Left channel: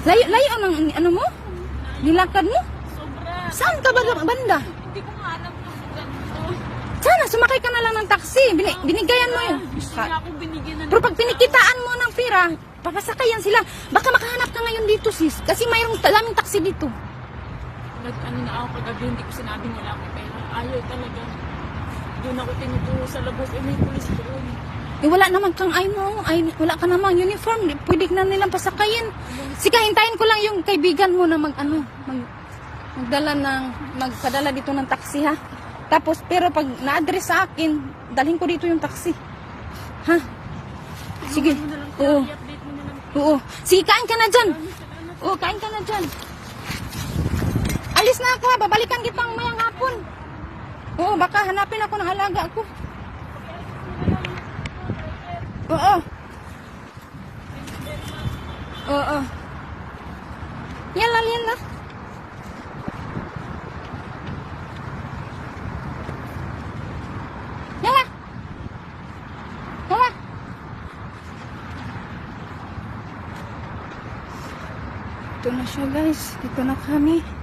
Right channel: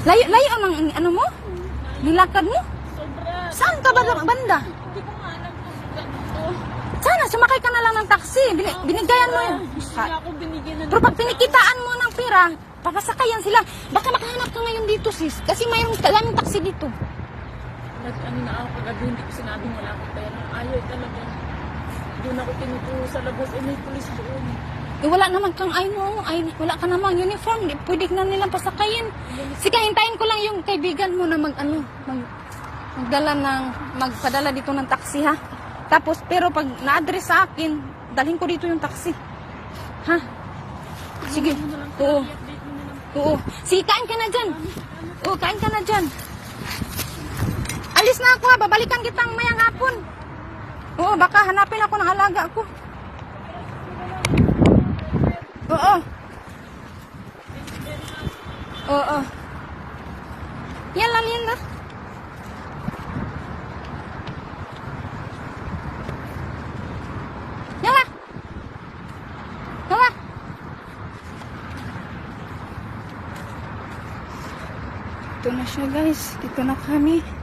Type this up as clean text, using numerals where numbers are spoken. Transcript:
Layo ang ano mo? Nilakad mo? Sobra. Saan ka ba banda? Hindi ko nga alam kung ganito. Sana, sumakay ka na lang ng taxi. Binigayan mo yun. Wala akong binigyan na. Pero pag pinikitaan mo ng pera, papasakayan sila. Baka makahanap ka ngayon dito, sis. Kasi mayroong daming taxi dito. Kahit kanina ako kagabi, hindi ko sinabing wala akong pera. Ayaw talaga. Doon ako tinuturo sa labas. May pulis doon. Eh, wala naman kang, wala ka namang uniform. Pwede na nilang pasakayin. Sige, hintayin ko lang yung kaibigan mo na magpadala dito ng taxi, ha? Tapos, pero pag na-address sa akin, dalhin ko dito yung taxi. Ha? Sige. Oo. I-update mo na lang. Oo. Sige, kain ka na dyan. Oo, kain ka na dyan. Alis na ako, ha? Babalikan kitang mayang hapon. Oo, baka hanapin ako ng halaga ko. Oo. Oo. Yan lang. Yawa. Ito na siya, guys. Dito na kami.